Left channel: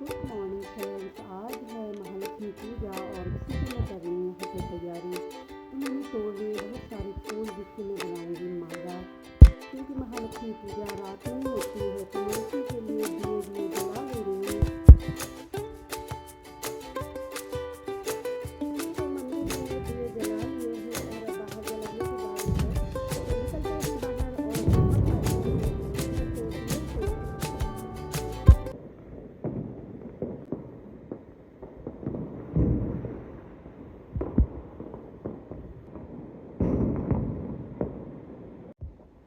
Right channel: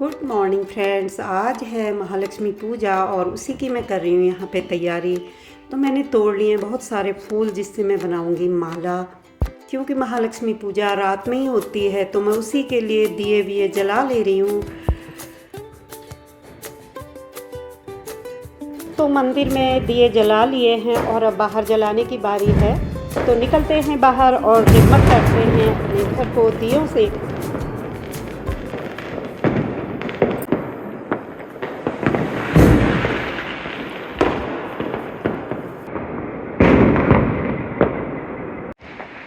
Good morning friends. आज है महालक्ष्मी पूजा और उसी की मैं कर रही हूँ यहाँ पे तैयारी। तो मैंने तोड़ लिए हैं बहुत सारे फूल जिससे मैं बनाऊँगी माला, क्योंकि महालक्ष्मी पूजा रात में ही होती है। तो मैं उसी के लिए दिए विए जला ले रही हूँ। तो मंदिर में दिए जला लिए हैं और अब बाहर जलाने की बारी है। तो निकलते हैं बाहर और जगमग करते हैं अपने घर को दियों से।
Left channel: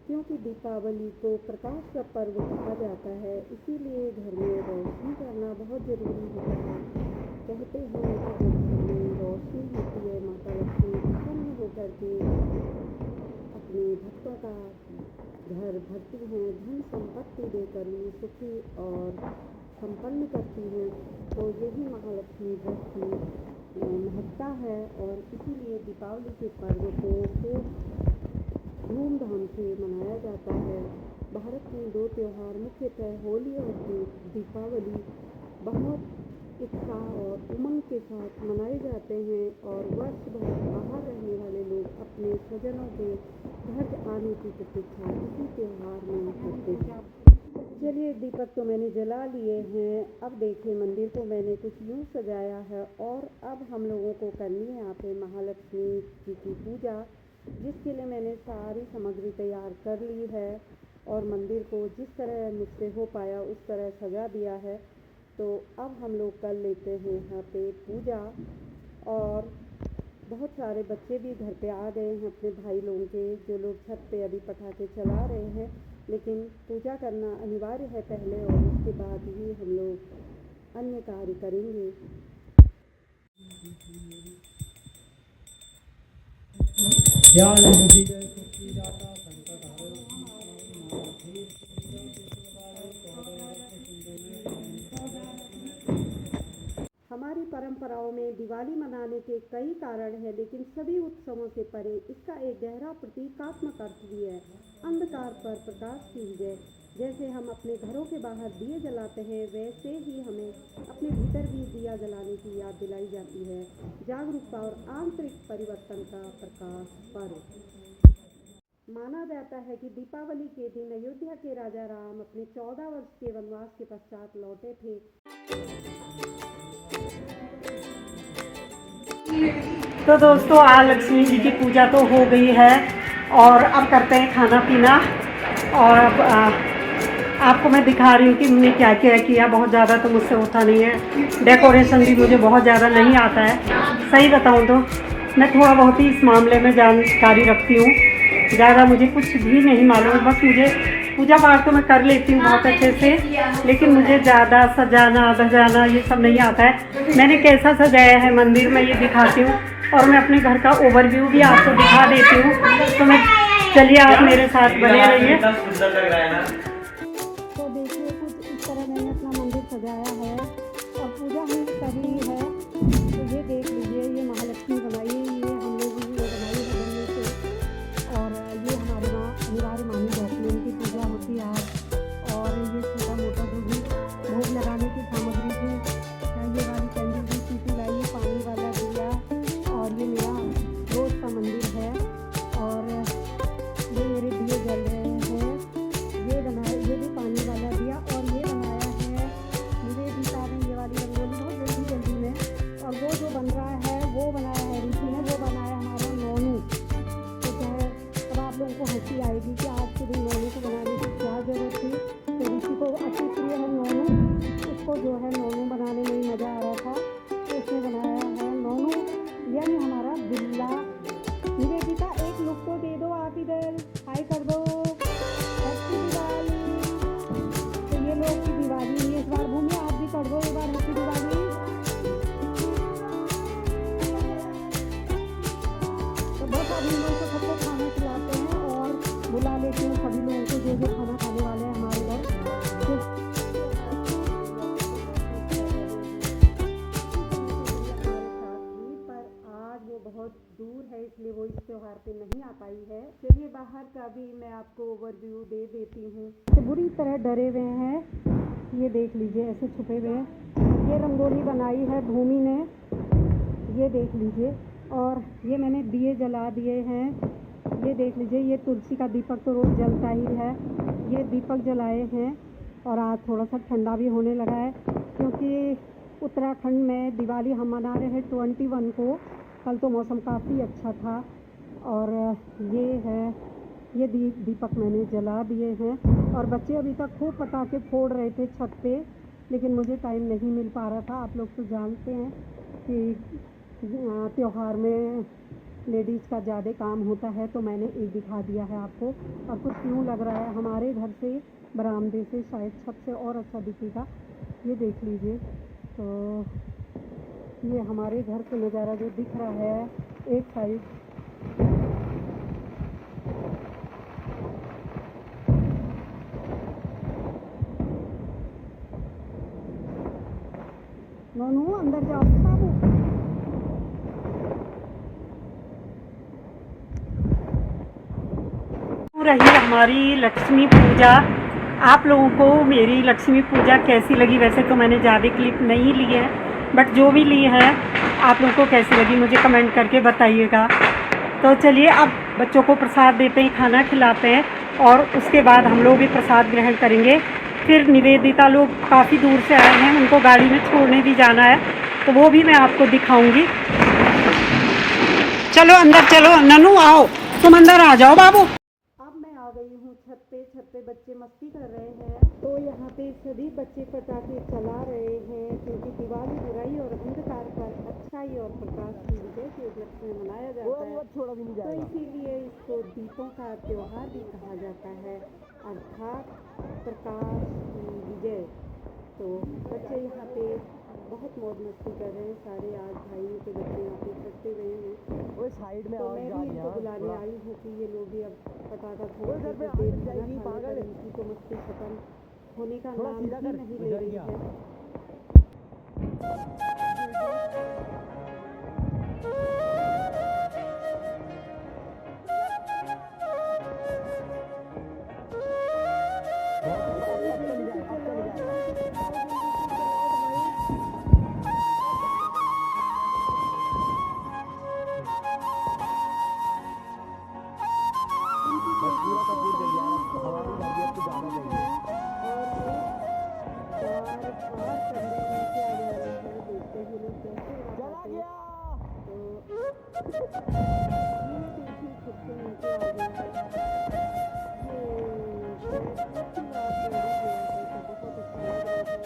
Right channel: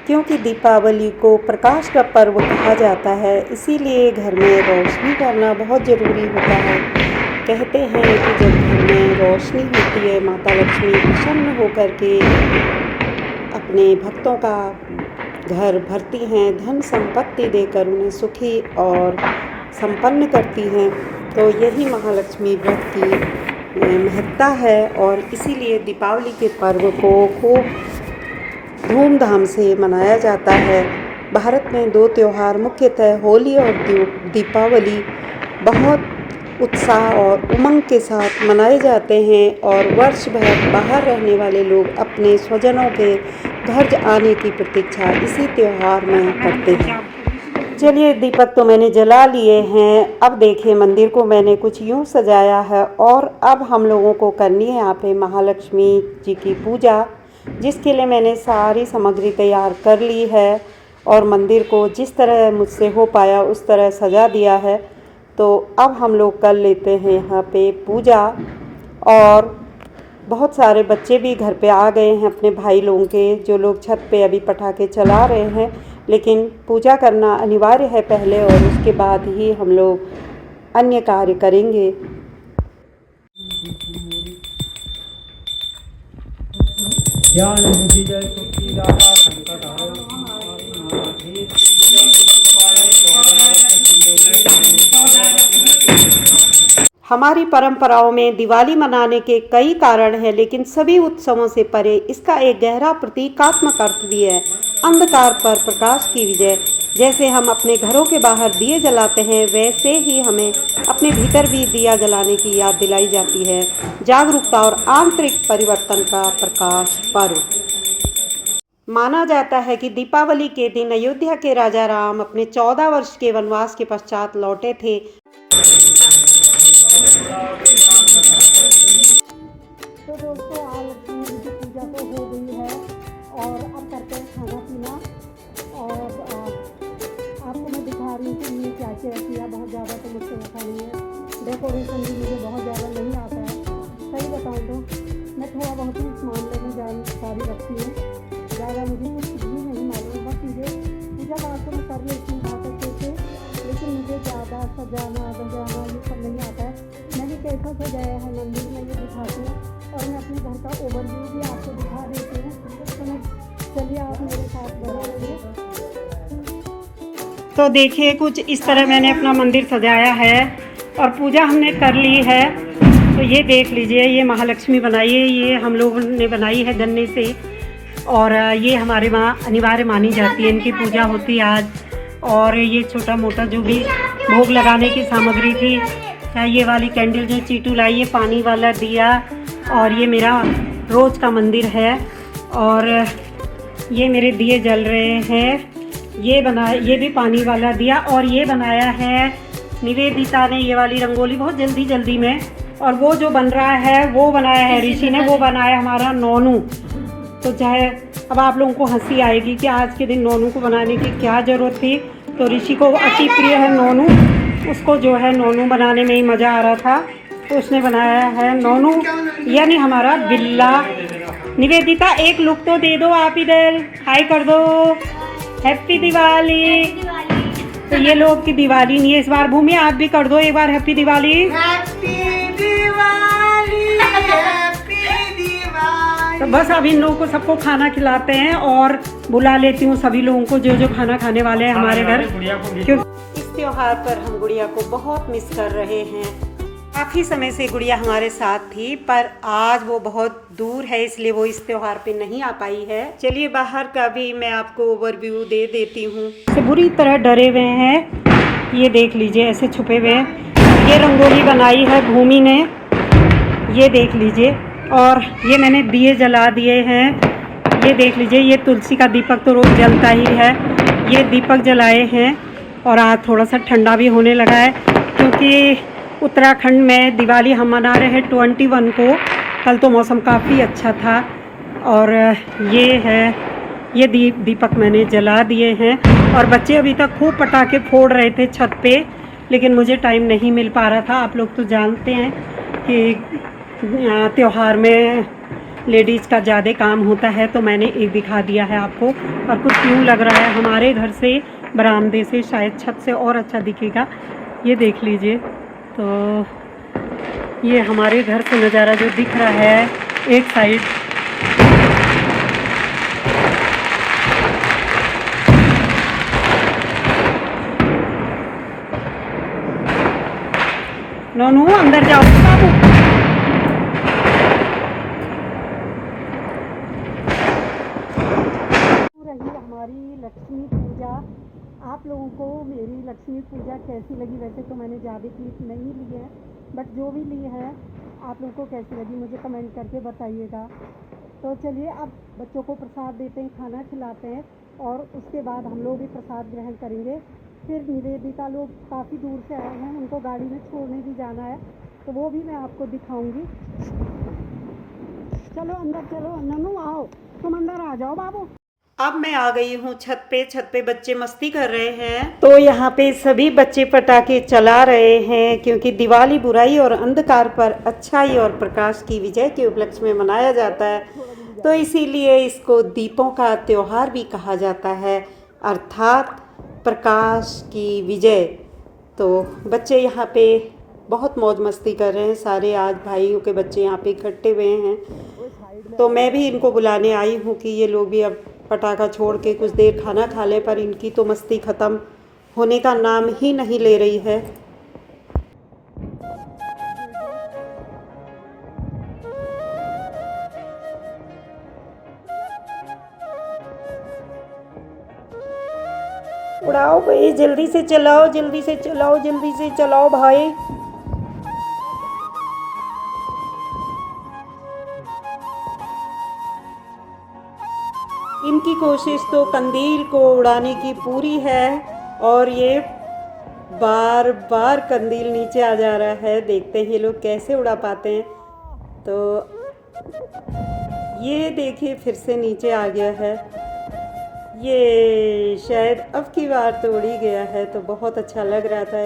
क्योंकि दीपावली को प्रकाश का पर्व कहा जाता है, इसीलिए घर में रोशनी करना बहुत ज़रूरी होता है। कहते हैं कि जब घर में रोशनी होती है, माता लक्ष्मी प्रसन्न होकर के अपने भक्तों का घर भरती हैं, धन संपत्ति देकर उन्हें सुखी और संपन्न करती हैं। तो यही महालक्ष्मी व्रत की महत्ता है और इसीलिए दीपावली के पर्व को खूब धूमधाम से मनाया जाता है। भारत में दो त्यौहार मुख्यतः होली और दीपावली बहुत उत्साह और उमंग के साथ मनाए जाते हैं और वर्ष भर बाहर रहने वाले लोग अपने स्वजनों के घर आने की प्रतीक्षा इसी त्यौहार में करते हैं। चलिए, दीपक तो मैंने जला लिए हैं। अब देखिए, मंदिर को मैंने कुछ यूँ सजाया है और अब हम लोगों को करनी है यहाँ पे महालक्ष्मी जी की पूजा, जिसके लिए मैंने सारी सामग्री तैयार कर ली है और मंदिर को जिस तरह मुझसे हो पाया उस तरह सजा दिया है। तो अब हम लोग कर लेते हैं यहाँ पे पूजा। और बहुत सारे बच्चे भी घर पे आ गए हैं अपने भाई लोगों के, जो लोग छत पे अभी पटाखे चला रहे हैं। लेकिन पूजा करना अनिवार्य है पहले, और उसके बाद ही हम लोग अन्य कार्य करेंगे। ज्ञान बुद्धि जय सुखी दाता संकट हरो हमारी परंपराओं में दिवाली मनाने के कई कारण हैं, लेकिन सभी उत्सवों से परे इसका एक गहरा प्रतीकात्मक अर्थ भी है। अंधकार पर प्रकाश की विजय। जैसे हम अपने घरों के बाहर दिए जलाते हैं, वैसे ही हमें अपने भीतर भी दिया जलाने की याद दिलाई जाती है। जागरूकता और आंतरिक परिवर्तन का प्रकाश पर्व। माना जाता है कि दीपावली के दिन अयोध्या के राजा राम अपने 14 वर्ष के वनवास के पश्चात लौटे थे। तो दोस्तों, आज लक्ष्मी जी की पूजा तो हो गई है और अब करते हैं खाना पीना। और अब आपको मैं दिखा रही हूँ कि मैंने क्या क्या किया। बहुत ज़्यादा तो मुझसे होता नहीं है, डेकोरेशन भी मुझे बहुत ज़्यादा नहीं आता है। सही बताऊँ तो मैं थोड़ा बहुत ही इस मामले में जानकारी रखती हूँ, ज़्यादा मुझे कुछ भी नहीं मालूम। बस मुझे पूजा पाठ तो मैं कर लेती हूँ बहुत अच्छे से, लेकिन मुझे ज़्यादा सजाना धजाना ये सब नहीं आता है। मैंने कैसा सजाया है मंदिर में ये दिखाती हूँ, और मैं अपने घर का ओवरव्यू भी आपको दिखा देती हूँ। तो मैं चलिए, आप मेरे साथ बने रहिए। तो देखिए, कुछ इस तरह मैंने अपना मंदिर सजाया है और पूजा हमने कर ली है। तो ये देख लीजिए, ये महालक्ष्मी बनाई है, ये हम लोगों ने बनाई है गन्ने से। और ये हमारे वहाँ अनिवार्य मानी जाती है, इनकी पूजा होती है आज। और ये छोटा मोटा जो भी भोग लगाने की सामग्री थी, ये वाली कैंडल जो चीटू लाई है, पानी वाला दिया, और ये मेरा रोज़ का मंदिर है। और ये मेरे दिए जल रहे हैं। ये भी पानी वाला दिया। और ये बनाया है निवेदिता ने, ये वाली रंगोली बहुत जल्दी में। और वो जो बन रहा है वो बनाया है ऋषि ने, वो बनाया हमारा नोनू। तो चाहे अब आप लोगों को हंसी आएगी कि आज के दिन नोनू को बनाने की क्या ज़रूरत थी। तो ऋषि को अति प्रिय है नोनू, उसको जो है नोनू बनाने में ही मज़ा आ रहा था, तो उसने बनाया है नोनू, यानी हमारा बिल्ला। निवेदिता, एक लुक तो दे दो, आप इधर हाय कर दो। हैप्पी दिवाली। तो ये लोग की दिवाली नहीं है इस बार। भूमि, आप भी कर दो एक बार हैप्पी दिवाली। तो बस अब इन लोगों को सबको खाना खिलाते हैं और बुला लेती हूँ सभी लोगों को जो खाना खाने वाले हैं हमारे घर। क्योंकि इस त्योहार पर हम गुड़िया को बहुत मिस कर रहे हैं। काफ़ी समय से गुड़िया हमारे साथ थी, पर आज वो बहुत दूर है, इसलिए वो इस त्योहार पे नहीं आ पाई है। चलिए, बाहर का भी मैं आपको ओवरव्यू दे देती हूँ। बुरी तरह डरे हुए हैं, ये देख लीजिए, ऐसे छुपे हुए हैं। ये रंगोली बनाई है भूमि ने, ये देख लीजिए। और ये मैंने दिए जला दिए हैं, ये देख लीजिए। ये तुलसी का दीपक तो रोज़ जलता ही है, ये दीपक जलाए हैं। और आज थोड़ा सा ठंडा भी होने लगा है, क्योंकि उत्तराखंड में दिवाली हम मना रहे हैं 21 को। कल तो मौसम काफ़ी अच्छा था। और ये है, ये दीपक मैंने जला दिए हैं। और बच्चे अभी तक खूब पटाखे फोड़ रहे थे छत पे, लेकिन मुझे टाइम नहीं मिल पा रहा था। आप लोग तो जानते हैं कि त्यौहार में लेडीज़ का ज़्यादा काम होता है, तो मैंने एक दिखा दिया है आपको। और कुछ यूँ लग रहा है हमारे घर से बरामदे से शायद छत से और अच्छा दिखेगा। ये देख लीजिए। तो ये हमारे घर से नज़ारा जो दिख रहा है एक साइड, नोनू अंदर जाओ बाबू। रही हमारी लक्ष्मी पूजा। आप लोगों को मेरी लक्ष्मी पूजा कैसी लगी? वैसे तो मैंने ज़्यादा क्लिप नहीं ली है, बट जो भी ली है आप लोगों को कैसी लगी मुझे कमेंट करके बताइएगा। तो चलिए अब बच्चों को प्रसाद देते हैं, खाना खिलाते हैं, और उसके बाद हम लोग भी प्रसाद ग्रहण करेंगे। फिर निवेदिता लोग काफ़ी दूर से आए हैं, उनको गाड़ी में छोड़ने भी जाना है, तो वो भी मैं आपको दिखाऊंगी। चलो अंदर चलो, ननू आओ, तुम अंदर आ जाओ बाबू। अब मैं आ गई हूँ छत पे बच्चे मस्ती कर रहे हैं। तो यहाँ पे सभी बच्चे पटाखे चला रहे हैं, क्योंकि दिवाली बुराई और अंधकार पर अच्छाई और प्रकाश की विजय के उपलक्ष्य में मनाया जाता है। तो इसीलिए इसको दीपों का त्योहार भी कहा जाता है, अर्थात प्रकाश की विजय। तो बच्चे यहाँ पे बहुत मौज मस्ती कर रहे हैं। सारे आज भाइयों के बच्चे यहाँ पे इकट्ठे हुए हैं। तो मैं भी इनको बुलाने आई हूँ कि ये लोग भी अब पटाखा छोड़ के कुछ देर खाना खा ले, पर इनकी तो मस्ती ख़त्म होने का नाम ही नहीं ले रही है। उड़ाओ भाई, जल्दी से चलाओ, जल्दी से चलाओ, जल्दी से चलाओ भाई। इनकी कोशिश तो कंदील को उड़ाने की पूरी है, और ये बार बार कंदील नीचे आ जा रहा है। देखते हैं ये लोग कैसे उड़ा पाते हैं। तो ये देखिए फिर से नीचे आ गया है। ये शायद अब की बार तो उड़ ही गया है, तो बहुत अच्छा लग रहा था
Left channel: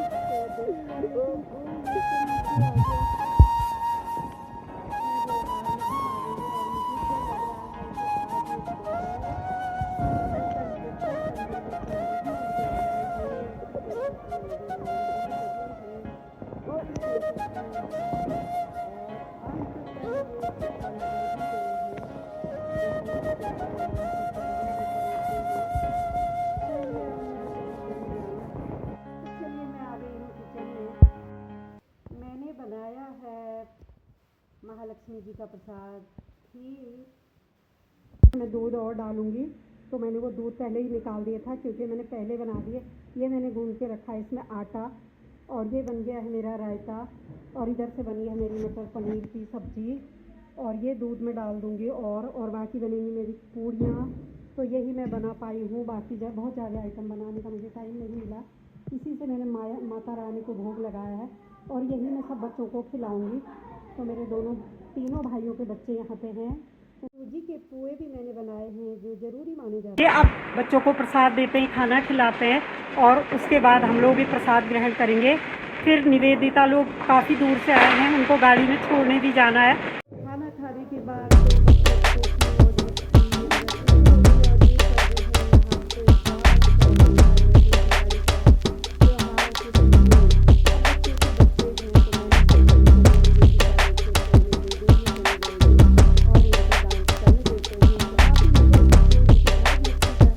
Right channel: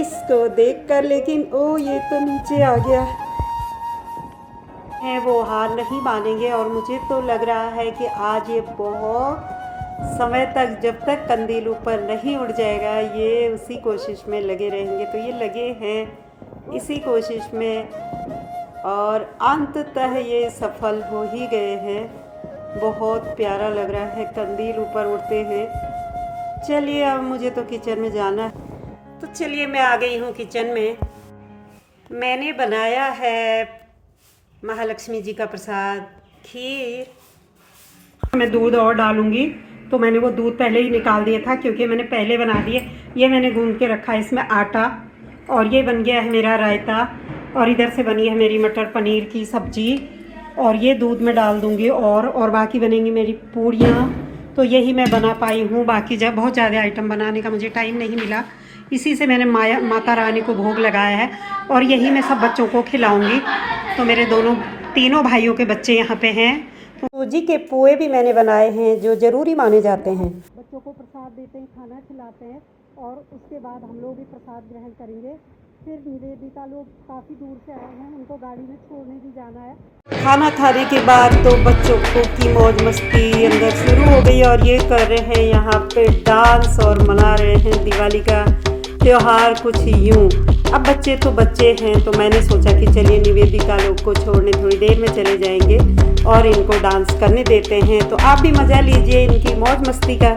इसको देखकर, लेकिन ओ ये तो नीचे आ गया है। वो हार नहीं मानेंगे, और मुझे तो लग रहा है कि आज ये बहुत समय तक, जब तक कंदील ऊपर नहीं उड़ जाएगा, ये उसी कोशिश में लगे रहेंगे। तो ये लगे हैं इसी कोशिश में, और अंततः ये सफल हो ही गए हैं। बहुत प्यारा लग रहा है कंदील ऊपर उड़ते हैं। चलिए अब मुझे तो किचन में जाना है, तो चलिए मैं आ गई हूँ किचन में। मैंने बनाया है महालक्ष्मी जी का प्रसाद, खीर। मैं दूध और डालूंगी, तो मैंने वो दूध पहले ही निकाल दिया था, क्योंकि मैंने पहले बना दिए। ये मैंने गूंद के रखा है इसमें आटा, और ये बन गया है मेरा रायता, और इधर से बनी है मेरी मटर पनीर की सब्जी, और ये दूध में डाल दूंगी, और बाकी बनेंगी मेरी पूड़ियाँ। तो यही मैं बना पाई हूँ, बाकी जब बहुत ज़्यादा आइटम बनाने का मुझे टाइम नहीं मिला, इसी से मैंने माता रानी को भोग लगाया है, और यही मैं सब बच्चों को खिलाऊंगी। तो मेरे तीनों भाइयों के बच्चे यहाँ पे हैं। तो सूजी के पोहे भी मैंने बनाए हैं, जो ज़रूरी माने जाते हैं। अब बच्चों को प्रसाद देते हैं, खाना खिलाते हैं, और उसके बाद हम लोग भी प्रसाद ग्रहण करेंगे। फिर निवेदिता लोग काफ़ी दूर से आए हैं, उनको गाड़ी में छोड़ने भी जाना है। खाना खाने के बाद तो बच्चों को की मौज मस्ती अंदर शुरू हो गई, और ये कर रहे हैं यहाँ पे डांस, और मना रहे हैं दिवाली का त्योहार कुछ यूँ। अब बच्चे तो बच्चे हैं, तो मैंने सोचा कि चलिए निवेदिता लोग को छोड़ने थोड़ी देर में चले जाएंगे, और इनको डांस करने देते हैं। तो आप भी मज़ा लीजिए इनकी मौज मस्ती का।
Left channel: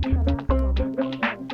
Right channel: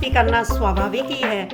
मस्ती करना स्वाभाविक ही है।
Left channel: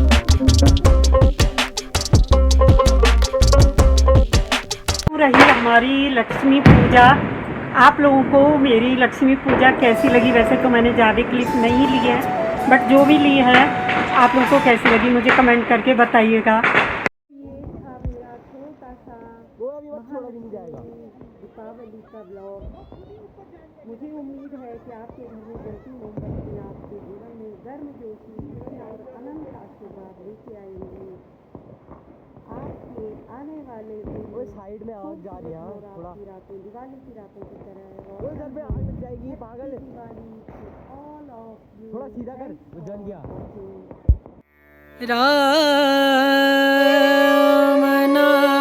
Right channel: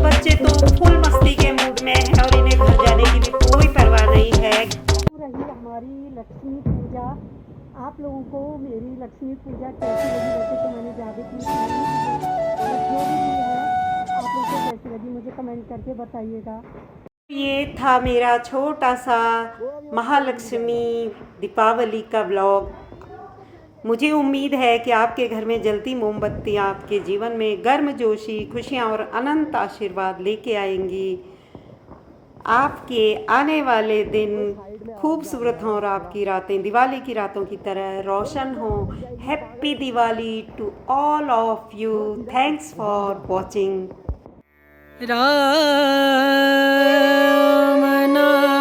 बच्चे तो फुल मस्ती के मूड में है और इन्हें घर जाने की भी कोई परवाह नहीं है। रही हमारी लक्ष्मी पूजा। आप लोगों को मेरी लक्ष्मी पूजा कैसी लगी? वैसे तो मैंने ज़्यादा क्लिप नहीं ली है, बट जो भी ली है आप लोगों को कैसी लगी मुझे कमेंट करके बताइएगा। ये था मेरा छोटा सा महालक्ष्मी दीपावली का ब्लॉग। मुझे उम्मीद है कि आपके घर में जलती मोमबत्तियाँ आपके जीवन में गर्मजोशी, खुशियाँ और अनंत आशीर्वाद लेके आएंगी। आपके आने वाले दिन खूबसूरत हों और आपकी रातें दिवाली की रातों की तरह रोशन हों। Happy Diwali to all of you. Thanks for watching. Ram नाम